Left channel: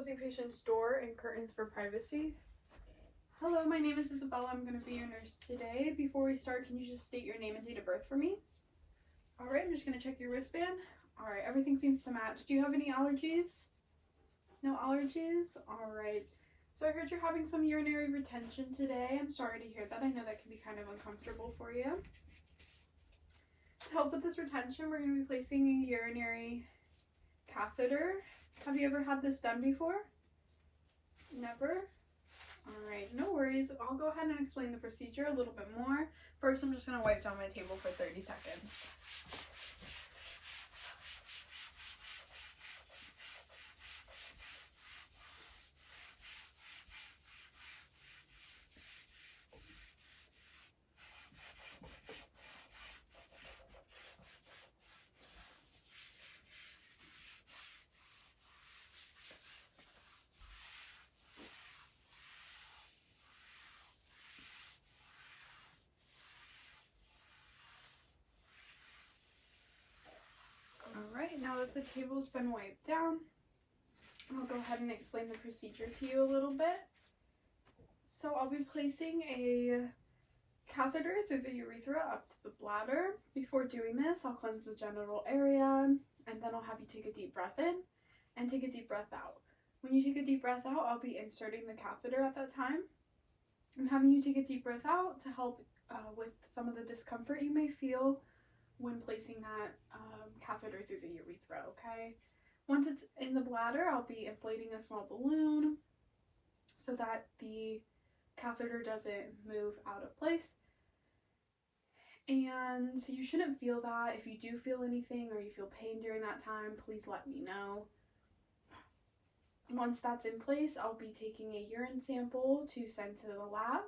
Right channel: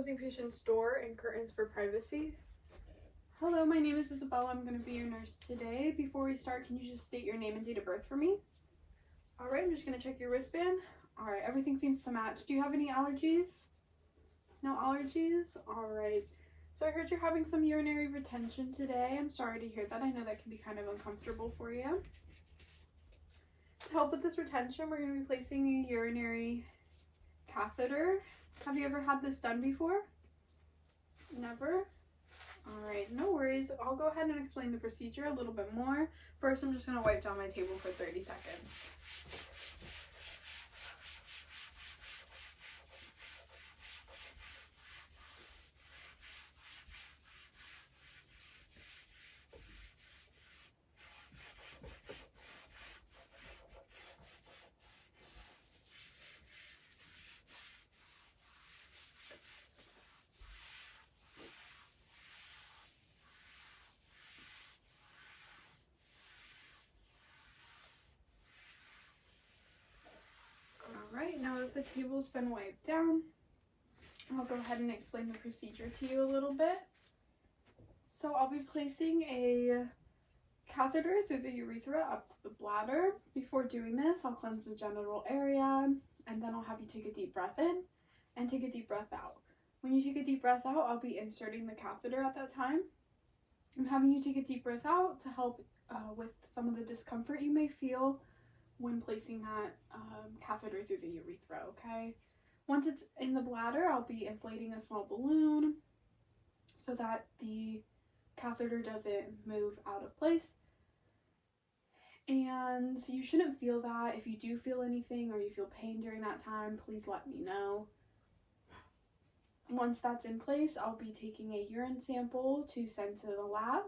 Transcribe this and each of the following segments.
closing patient's door and curtains for privacy. Hello, my name is Isabella. I'm going to be your nurse today. Before we start, can you just state your name and date of birth for me? Alright, I'm just going to check your wristband. Alright, everything seems to match. Do you have any allergies? No allergies? Alright. So I heard you're having some urinary retention today. I'm sorry to hear that. I know that can be kind of uncomfortable for you. To help with this retention, we're going to be placing a urinary catheter. Have you ever had this done before? Never? Alright, no worries. I'll go ahead and explain the procedure a little bit more. First, I'm just going to wipe down my table for 30 seconds. Alright, now that the table's been wiped down, I'll go ahead and explain the procedure to you a little bit. So I'll be placing a catheter through the urethra up to the bladder. Before doing this, I'll cleanse the genital area, and then I'll have you take a deep breath in and take a deep breath out. When you take a deep breath out, I'll be inserting the catheter at that time. I'm having you take a deep breath out to help with some of the discomfort you may feel when placing that catheter through the urethra, okay? Once it's in the bladder, I'll be inflating a small balloon so that the catheter doesn't move out of place. And you shouldn't feel that. If you do feel anything or you feel pain during that time, please let me know. Once that's in place, I'll be taking a urine sample to send to the lab.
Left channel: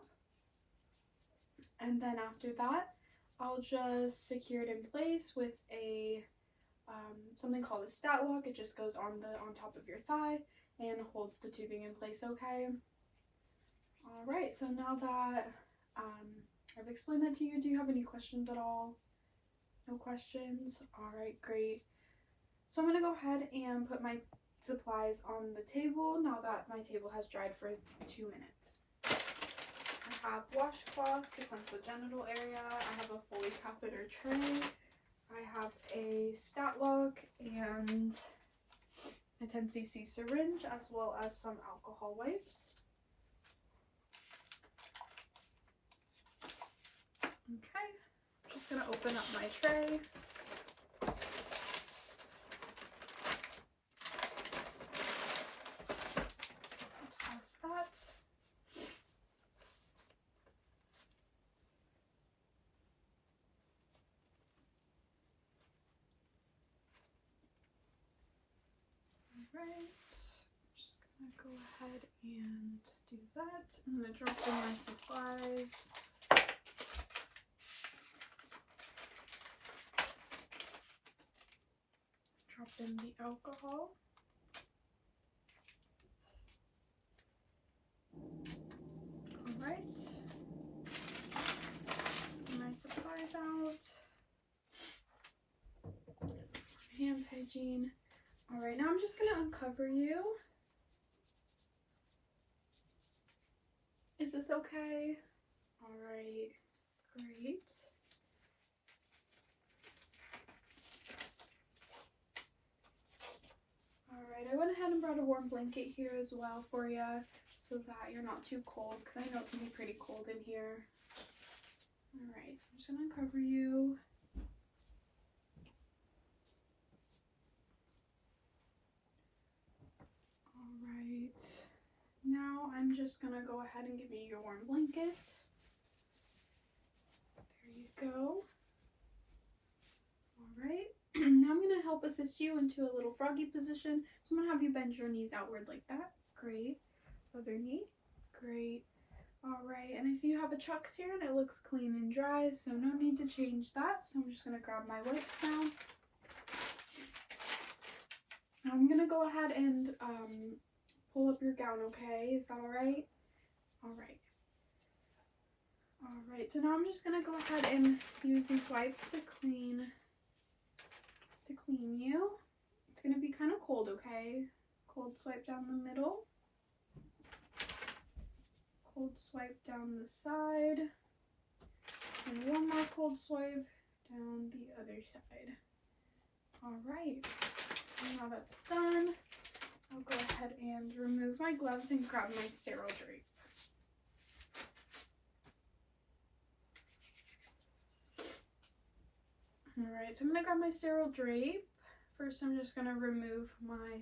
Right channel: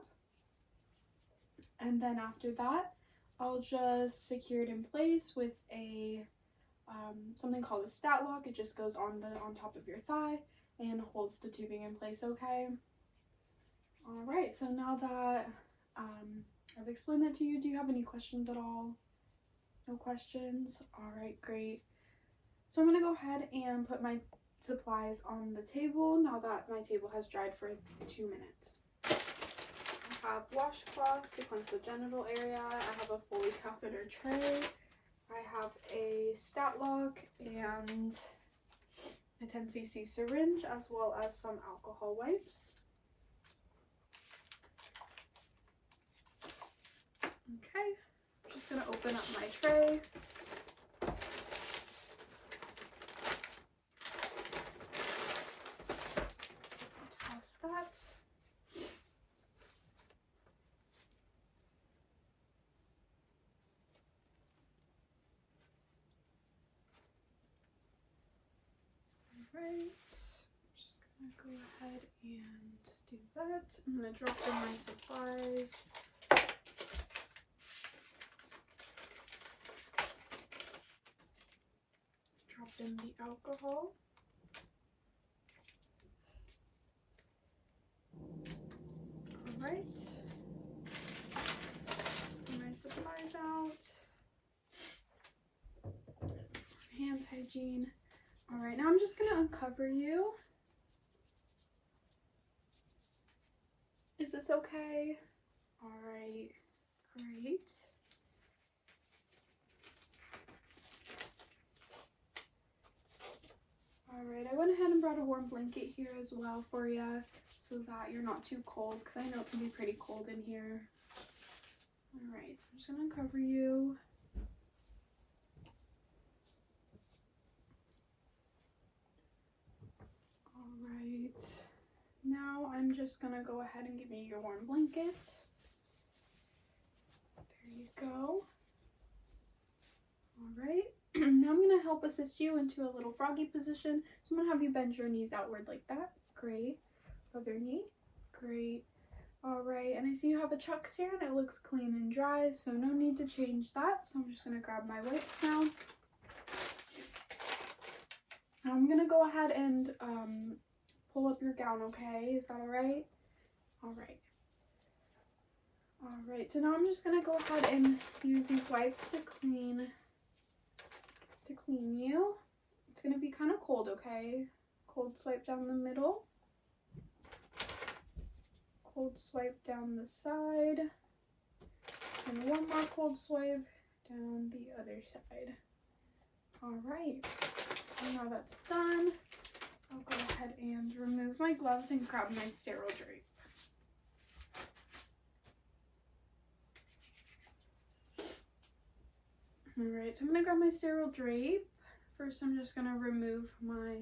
And then after that, I'll just secure it in place with a something called a stat lock. It just goes on top of your thigh and holds the tubing in place, okay? Alright, so now that I've explained that to you, do you have any questions at all? No questions? Alright, great. So I'm going to go ahead and put my supplies on the table now that my table has dried for 2 minutes. I have washcloths to cleanse the genital area. I have a Foley catheter tray. I have a stat lock and a 10cc syringe, as well as some alcohol wipes. Okay, I'm just going to open up my tray. Toss that. Alright, I'm just going to go ahead and do that. I'm going to drop in my supplies. Drop in the alcohol. Alright. Get my supplies out. Hand hygiene. Alright, now I'm just going to uncover you. Is this okay? Alright, great. Alright, I went ahead and brought a warm blanket here as well for you so that you're not too cold, because I know it can be pretty cold in here. Alright, so I'm just going to cover you. Alright, now I'm just going to go ahead and give you your warm blanket. There you go. Alright, now I'm going to help assist you into a little froggy position. So I'm going to have you bend your knees outward like that. Great. Other knee. Great. Alright, and I see you have the chucks here and it looks clean and dry, so no need to change that. So I'm just going to grab my wipes now. I'm going to go ahead and pull up your gown, okay? Is that alright? Alright. Alright, so now I'm just going to go ahead and use these wipes to clean you. It's going to be kind of cold, okay? Cold swipe down the middle. Cold swipe down the side. And one more cold swipe down the other side. All right, now that's done, I'll go ahead and remove my gloves and grab my sterile drape. All right, so I'm gonna grab my sterile drape. First, I'm just gonna remove my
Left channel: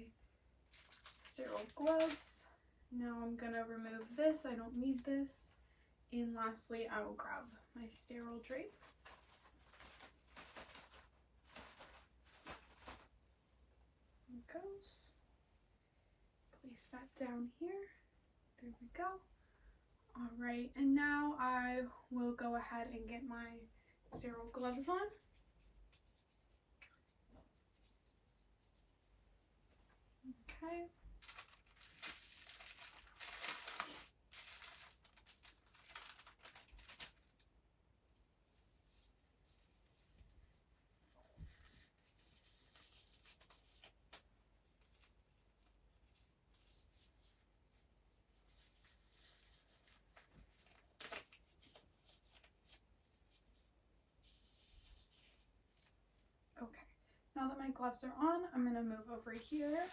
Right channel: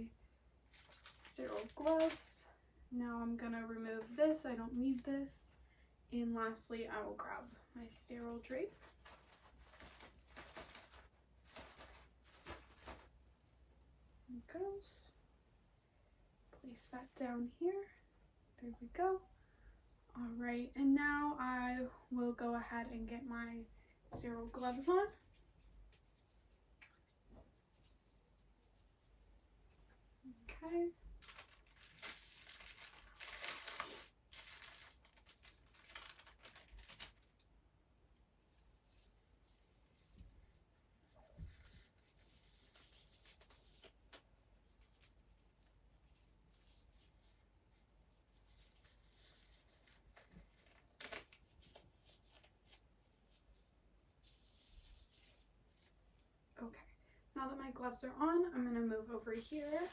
sterile gloves. Now I'm gonna remove this, I don't need this. And lastly, I will grab my sterile drape. There it goes. Place that down here. There we go. All right, and now I will go ahead and get my sterile gloves on. Okay. Okay, now that my gloves are on, I'm gonna move over here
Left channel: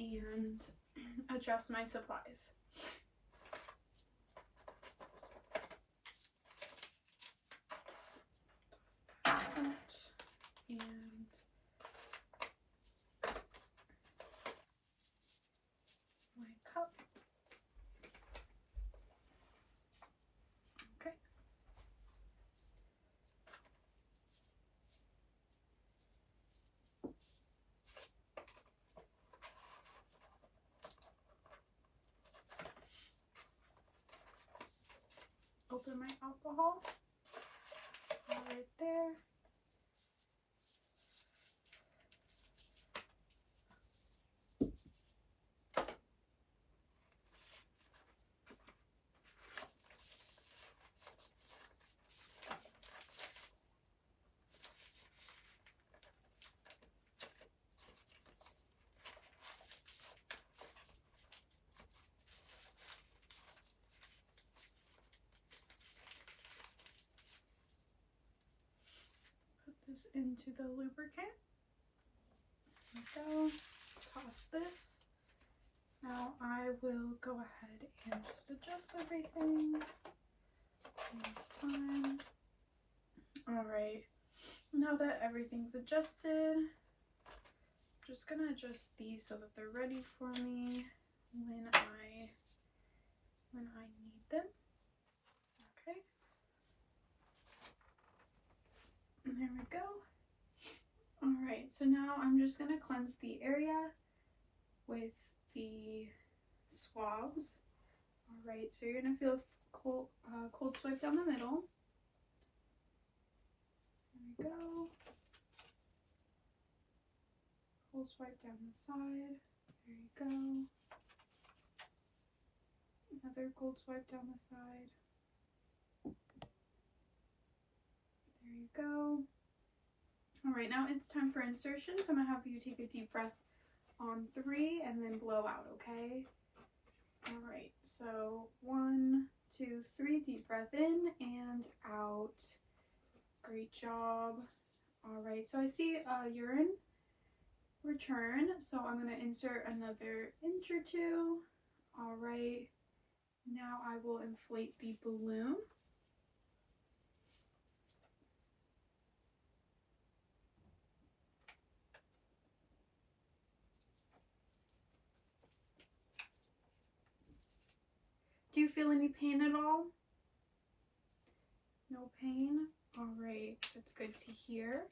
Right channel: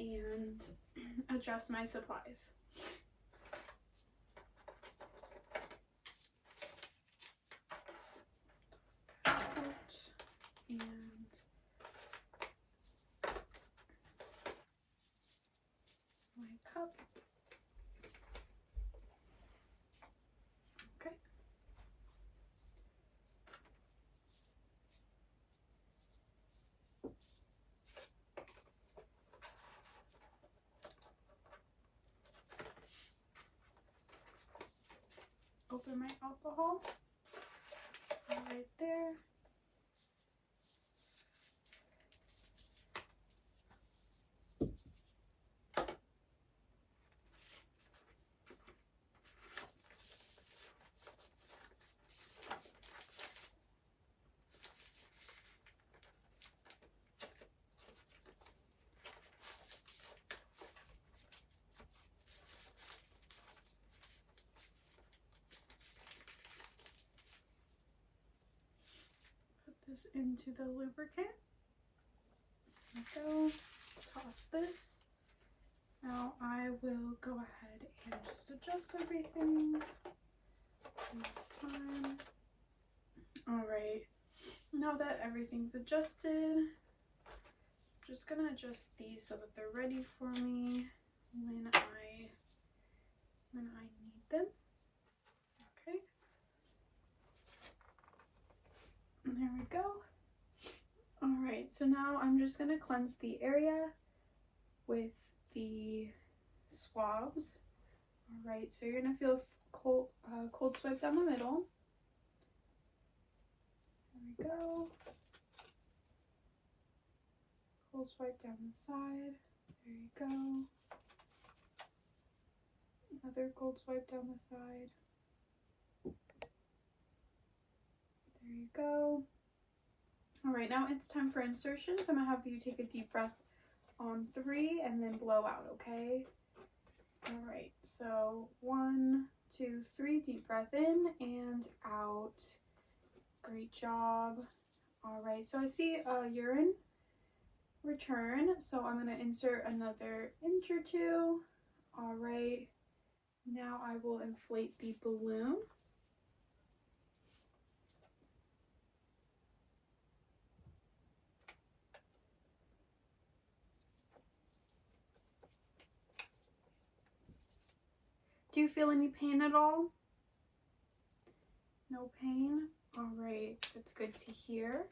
and adjust my supplies. Toss that out and my cup. Okay. Open my alcohol, right there. This into the lubricant. There we go. Toss this. Now I will go ahead and just adjust everything this time. All right. Now that everything's adjusted, I'm just gonna adjust these so that they're ready for me when I need them. Okay. There we go. All right, so now I'm just gonna cleanse the area with the swabs. All right, so you're gonna feel cold swipe down the middle. There we go. Cold swipe down the side. There you go. Another cold swipe down the side. There you go. All right, now it's time for insertion. So I'm gonna have you take a deep breath on 3 and then blow out, okay? All right, so 1, 2, 3, deep breath in and out. Great job. All right, so I see a urine return, so I'm gonna insert another inch or 2. All right, now I will inflate the balloon. Do you feel any pain at all? No pain? All right, that's good to hear.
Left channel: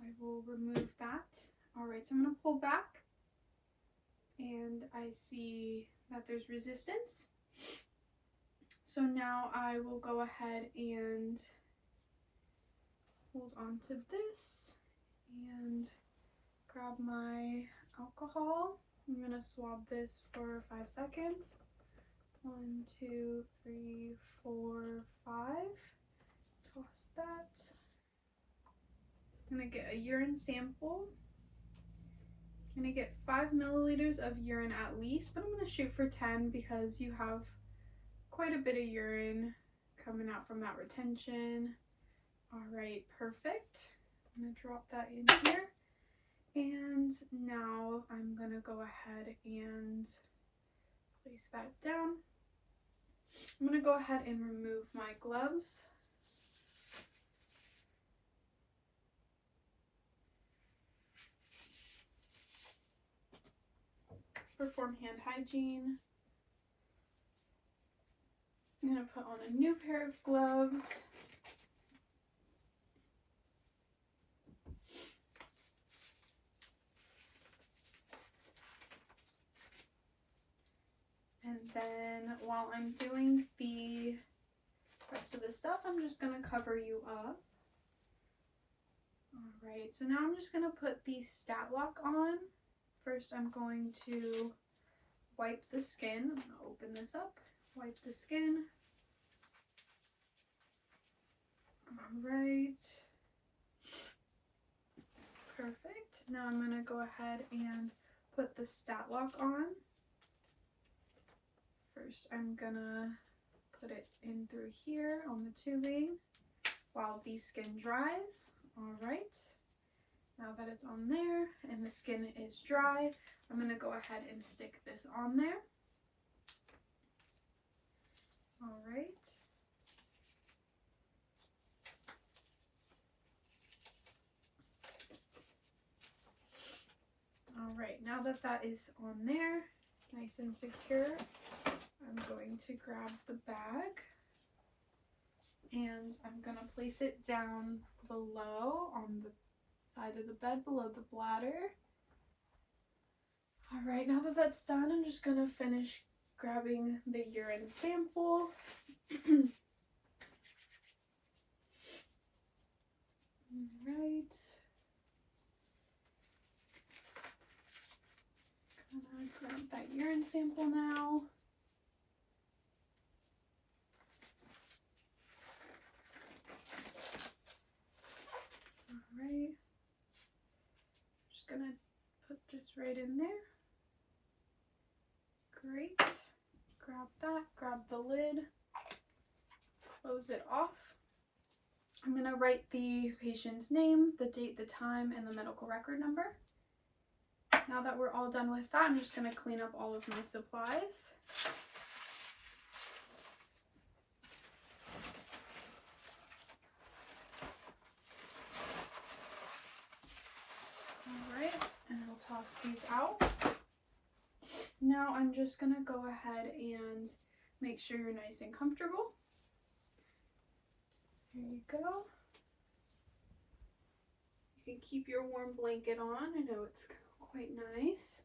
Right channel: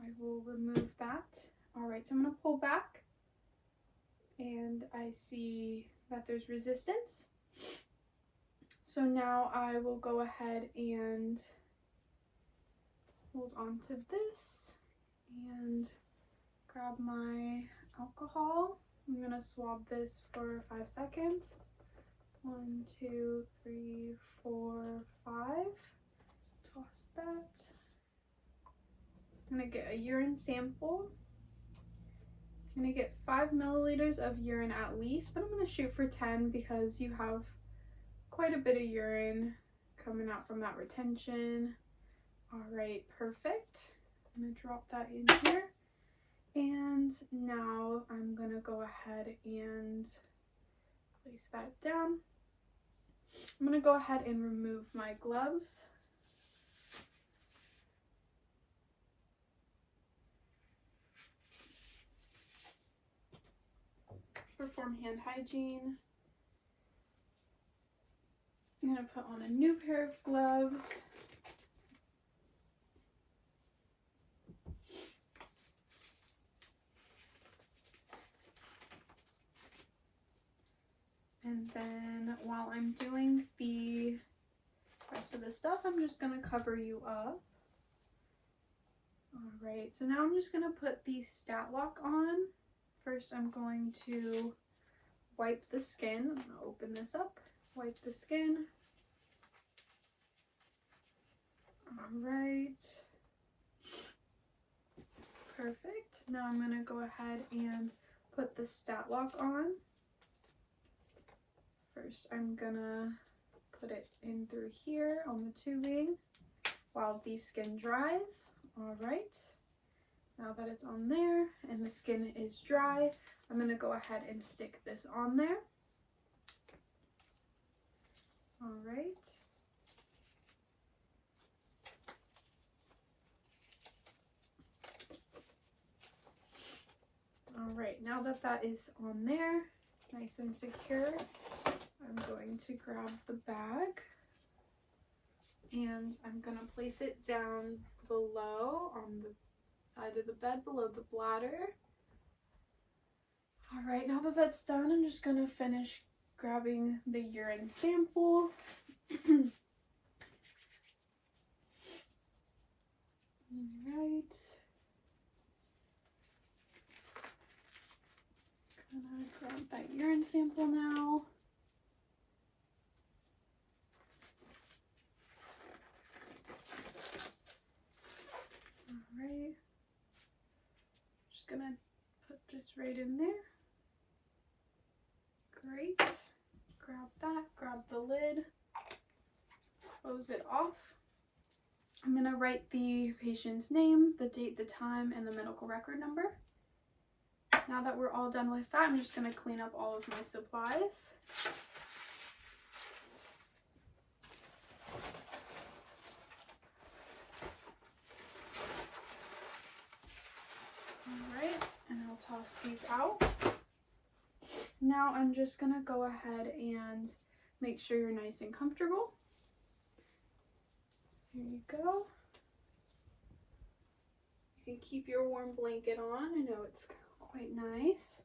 I will remove that. All right, so I'm gonna pull back and I see that there's resistance. So now I will go ahead and hold on to this and grab my alcohol. I'm gonna swab this for 5 seconds. 1, 2, 3, 4, 5. Toss that. I'm gonna get a urine sample I'm gonna get 5 milliliters of urine at least, but I'm gonna shoot for 10 because you have quite a bit of urine coming out from that retention. All right, perfect. I'm gonna drop that in here. And now I'm gonna go ahead and place that down. I'm gonna go ahead and remove my gloves. Perform hand hygiene. I'm gonna put on a new pair of gloves. And then while I'm doing the rest of the stuff, I'm just gonna cover you up. All right, so now I'm just gonna put the stat lock on. First, I'm going to wipe the skin. I'm gonna open this up, wipe the skin. All right, perfect. Now I'm gonna go ahead and put the stat lock on. First, I'm gonna put it in through here on the tubing while the skin dries. All right, now that it's on there and the skin is dry, I'm gonna go ahead and stick this on there. All right. All right, now that that is on there, nice and secure, I'm going to grab the bag and I'm gonna place it down below on the side of the bed below the bladder. All right, now that that's done, I'm just gonna finish grabbing the urine sample. All right. Gonna grab that urine sample now. All right. Just gonna put this right in there. Great. Grab that, grab the lid, close it off. I'm gonna write the patient's name, the date, the time, and the medical record number. Now that we're all done with that, I'm just gonna clean up all of my supplies. All right, and I'll toss these out. Now I'm just gonna go ahead and make sure you're nice and comfortable. Here you go. You can keep your warm blanket on. I know it's quite nice.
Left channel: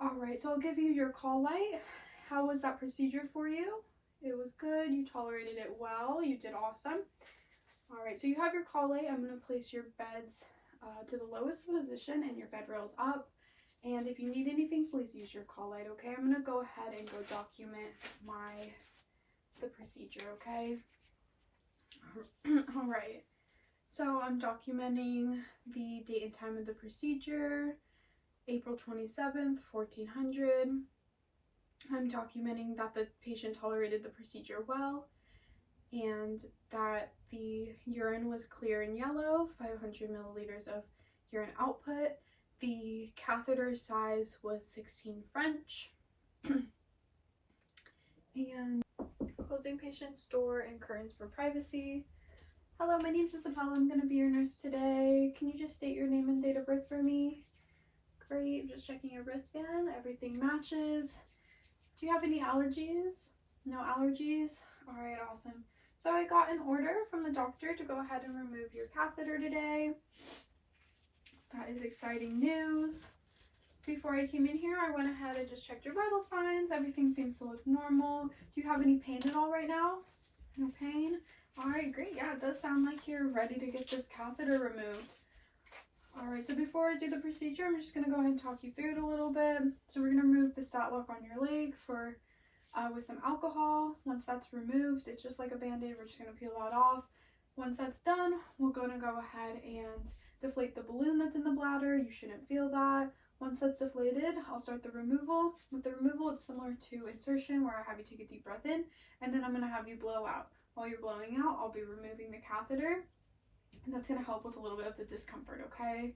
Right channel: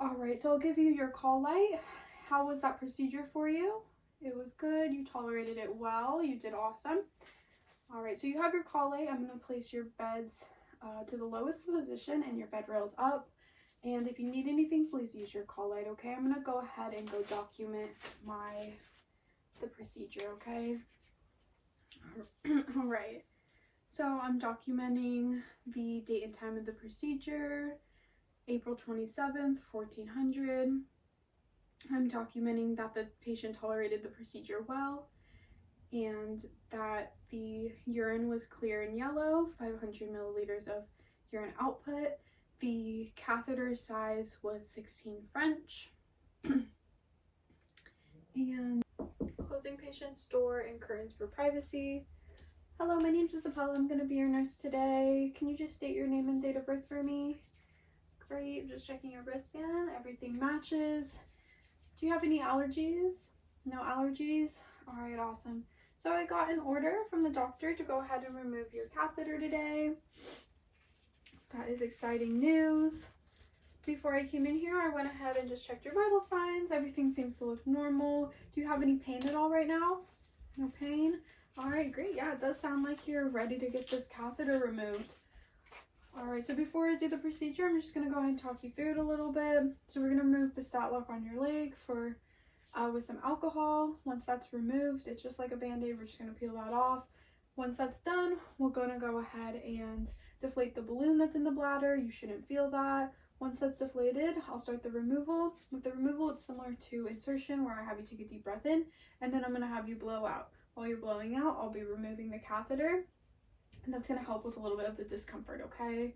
All right, so I'll give you your call light. How was that procedure for you? It was good. You tolerated it well. You did awesome. All right, so you have your call light. I'm going to place your beds to the lowest position and your bed rails up. And if you need anything, please use your call light, okay? I'm going to go ahead and go document the procedure, okay? All right. So I'm documenting the date and time of the procedure, April 27th, 1400. I'm documenting that the patient tolerated the procedure well and that the urine was clear and yellow, 500 milliliters of urine output. The catheter size was 16 French. And closing patient's door and curtains for privacy. Hello, my name's Isabella. I'm going to be your nurse today. Can you just state your name and date of birth for me? Great. I'm just checking your wristband. Everything matches. Do you have any allergies? No allergies? All right, awesome. So I got an order from the doctor to go ahead and remove your catheter today. That is exciting news. Before I came in here, I went ahead and just checked your vital signs. Everything seems to look normal. Do you have any pain at all right now? No pain? All right, great. Yeah, it does sound like you're ready to get this catheter removed. All right, so before I do the procedure, I'm just gonna go ahead and talk you through it a little bit. So we're gonna remove the stat lock on your leg with some alcohol. Once that's removed, it's just like a band-aid. We're just gonna peel that off. Once that's done, we're gonna go ahead and deflate the balloon that's in the bladder. You shouldn't feel that. Once that's deflated, I'll start the removal. With the removal, it's similar to insertion, where I have you take a deep breath in, and then I'm going to have you blow out. While you're blowing out, I'll be removing the catheter, and that's going to help with a little bit of the discomfort, okay?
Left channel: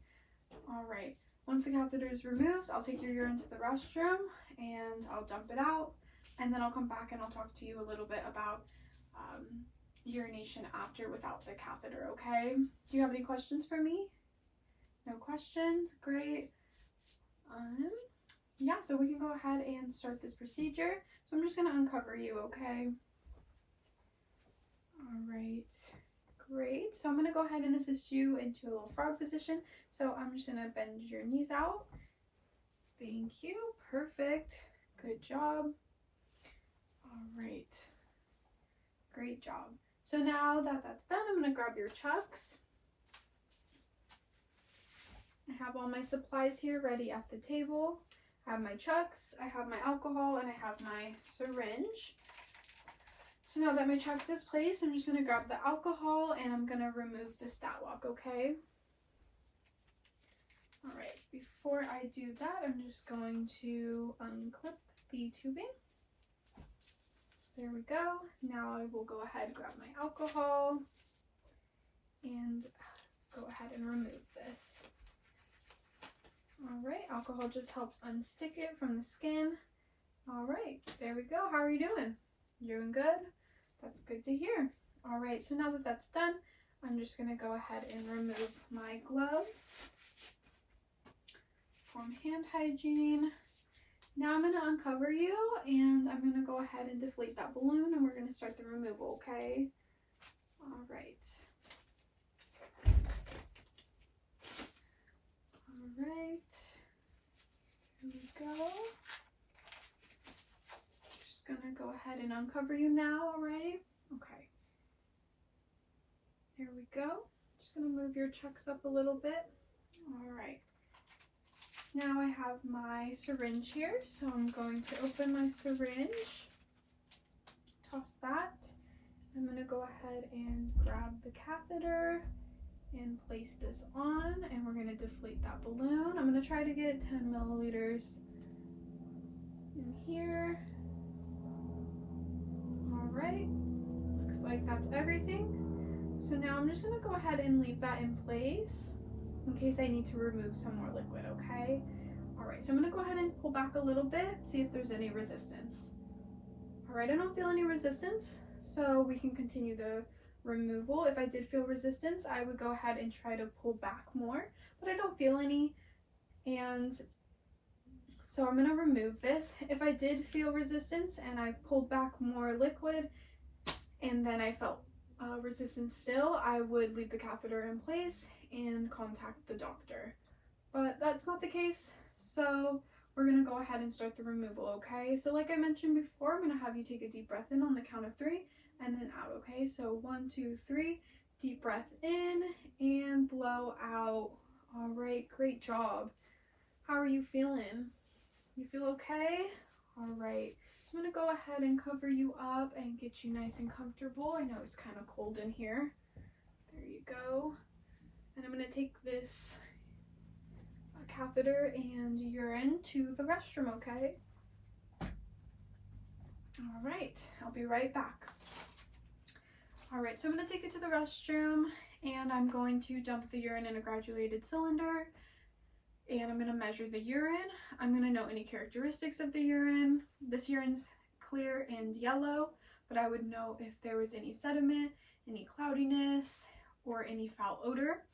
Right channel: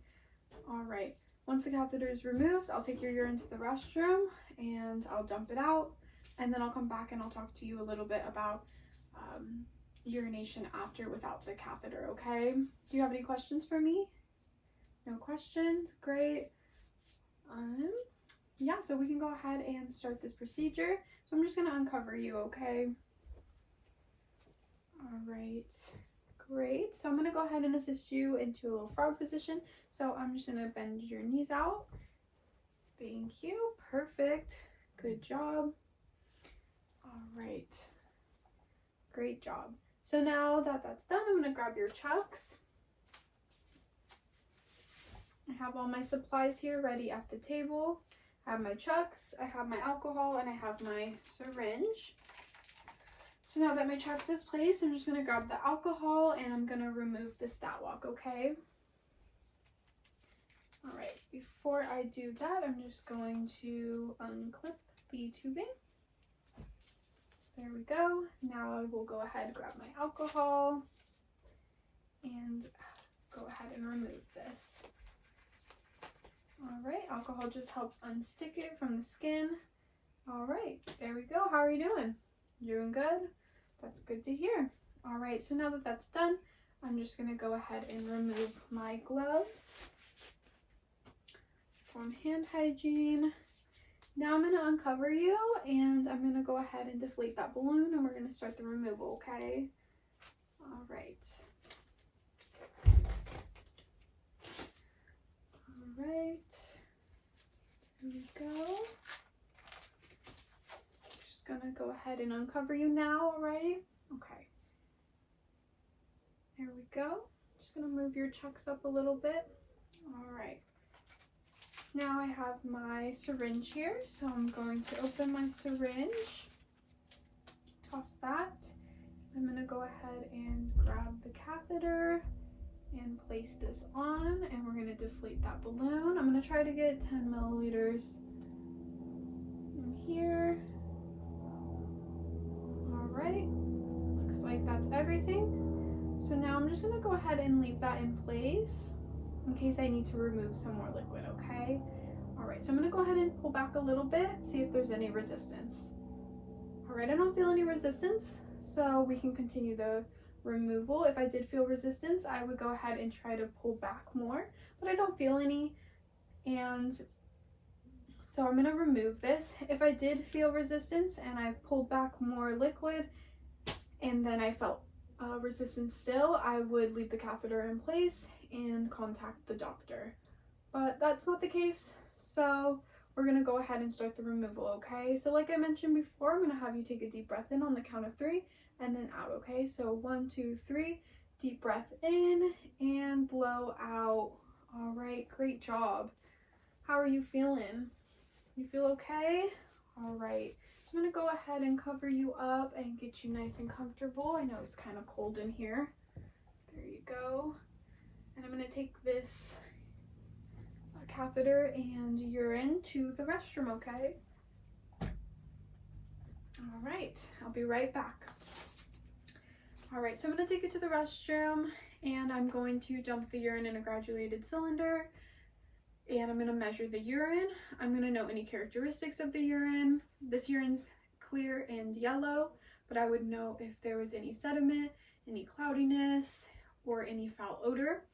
All right. Once the catheter is removed, I'll take your urine to the restroom, and I'll dump it out, and then I'll come back and I'll talk to you a little bit about urination after without the catheter, okay? Do you have any questions for me? No questions? Great. Yeah, so we can go ahead and start this procedure. So I'm just going to uncover you, okay? All right, great. So I'm going to go ahead and assist you into a little frog position. So I'm just going to bend your knees out. Thank you. Perfect. Good job. All right. Great job. So now that that's done, I'm going to grab your chucks. I have all my supplies here ready at the table. I have my chucks, I have my alcohol, and I have my syringe. So now that my chucks is placed, I'm just going to grab the alcohol and I'm going to remove the stat lock, okay? All right, before I do that, I'm just going to unclip the tubing. There we go. Now I will go ahead and grab my alcohol and go ahead and remove this. All right, alcohol just helps unstick it from the skin. All right, there we go. How are you doing? Doing good? That's good to hear. All right, so now that that's done, I'm just gonna go ahead and remove my gloves. Perform hand hygiene. Now I'm gonna uncover you and I'm gonna go ahead and deflate that balloon and we're gonna start the removal, okay? All right. All right, here we go. Just gonna go ahead and uncover you now, alright? Okay. There we go. Just gonna move your chucks up a little bit. Alright. Now I have my syringe here, so I'm going to open my syringe. Toss that. I'm gonna go ahead and grab the catheter and place this on, and we're going to deflate that balloon. I'm going to try to get 10 milliliters in here. All right, looks like that's everything. So now I'm just going to go ahead and leave that in place in case I need to remove some more liquid, okay? All right, so I'm going to go ahead and pull back a little bit, see if there's any resistance. All right, I don't feel any resistance, so we can continue the removal. If I did feel resistance, I would go ahead and try to pull back more, but I don't feel any, and so I'm going to remove this. If I did feel resistance and I pulled back more liquid and then I felt resistance still, I would leave the catheter in place and contact the doctor, but that's not the case, so we're going to go ahead and start the removal, okay? So like I mentioned before, I'm going to have you take a deep breath in on the count of 3 and then out, okay? So 1, 2, 3, deep breath in and blow out. All right, great job. How are you feeling? You feel okay? All right, I'm gonna go ahead and cover you up and get you nice and comfortable. I know it's kind of cold in here. There you go. And I'm gonna take this catheter and urine to the restroom, okay? All right, I'll be right back. All right, so I'm going to take it to the restroom and I'm going to dump the urine in a graduated cylinder and I'm going to measure the urine. I'm going to note any characteristics of the urine. This urine's clear and yellow, but I would know if there was any sediment, any cloudiness, or any foul odor.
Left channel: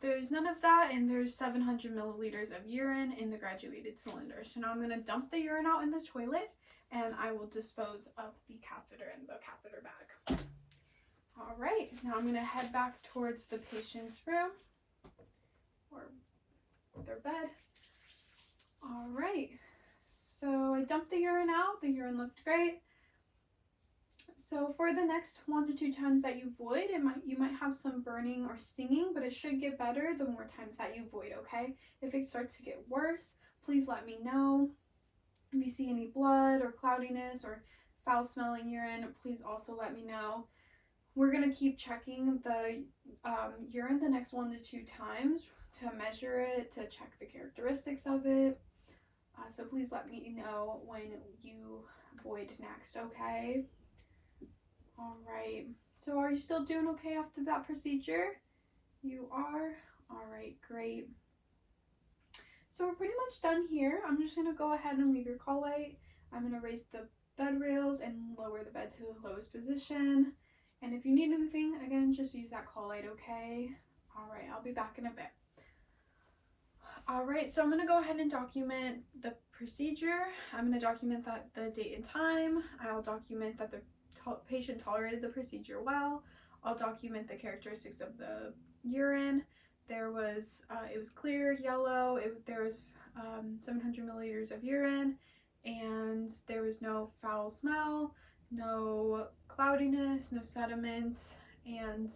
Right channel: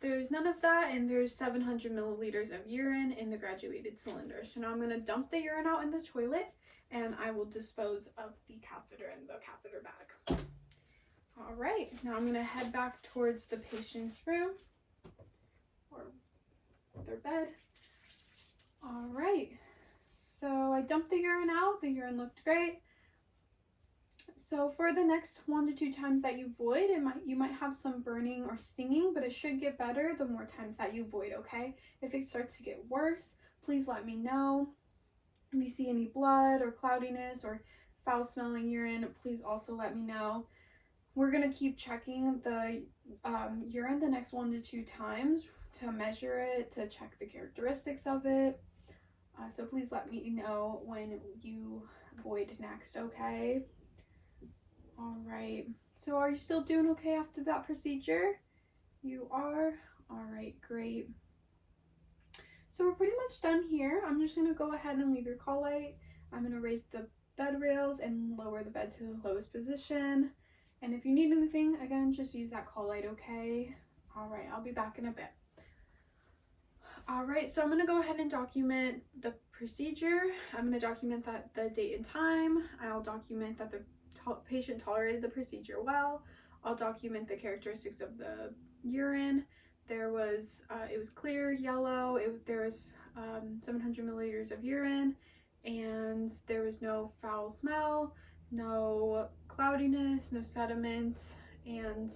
There's none of that, and there's 700 milliliters of urine in the graduated cylinder. So now I'm going to dump the urine out in the toilet and I will dispose of the catheter in the catheter bag. All right, now I'm going to head back towards the patient's room or their bed. All right, so I dumped the urine out. The urine looked great. So for the next 1 to 2 times that you void, you might have some burning or stinging, but it should get better the more times that you void, okay? If it starts to get worse, please let me know. If you see any blood or cloudiness or foul smelling urine, please also let me know. We're going to keep checking the urine the next 1 to 2 times to measure it, to check the characteristics of it. So please let me know when you void next, okay? All right. So are you still doing okay after that procedure? You are? All right, great. So we're pretty much done here. I'm just going to go ahead and leave your call light. I'm going to raise the bed rails and lower the bed to the lowest position. And if you need anything, again, just use that call light, okay? All right, I'll be back in a bit. All right, so I'm going to go ahead and document the procedure. I'm going to document that the date and time. I'll document that the patient tolerated the procedure well. I'll document the characteristics of the urine. There was, it was clear, yellow, there was 700 milliliters of urine, and there was no foul smell, no cloudiness, no sediment, and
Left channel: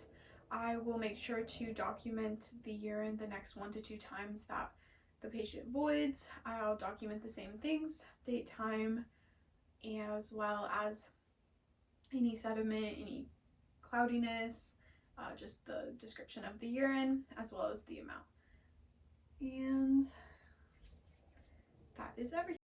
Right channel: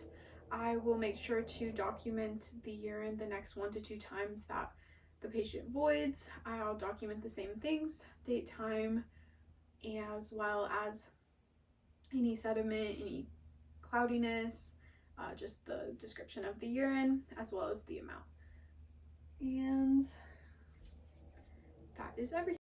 I will make sure to document the urine the next 1 to 2 times that the patient voids. I'll document the same things, date, time, as well as any sediment, any cloudiness, just the description of the urine, as well as the amount. And that is everything.